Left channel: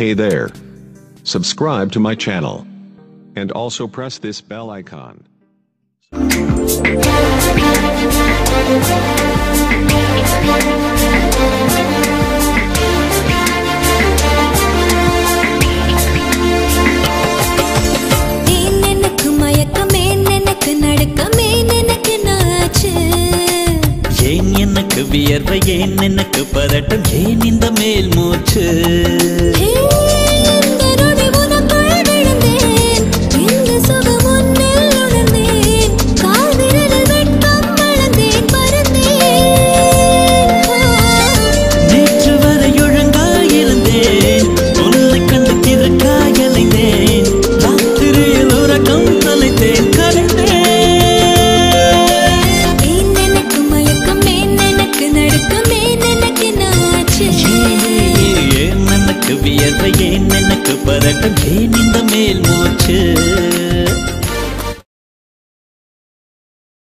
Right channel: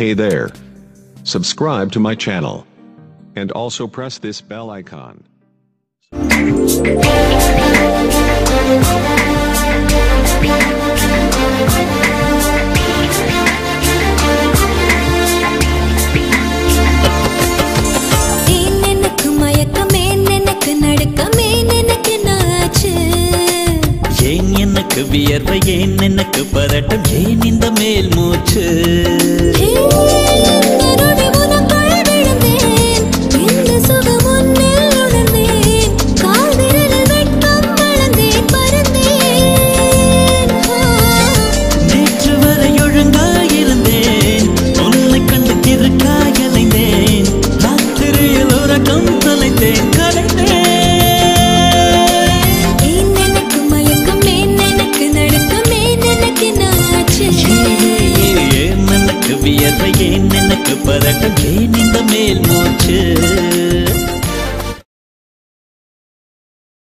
Hey there. Subscribe to my channel. And also press this bell icon. வியர்வை ஏன் எனக்கு பதட்டம் ஏன் இந்த மேல் மூச்சு நேற்று வரை ஒழுங்காயிருந்தேன் உன்னை கண்டு கிறுக்காயலைந்தேன் ராத்திரியில் உறக்கம் தொலைத்தேன் கலைந்தேன் வியர்வை ஏன் எனக்கு பதட்டம் ஏன் இந்த மேல் மூச்சு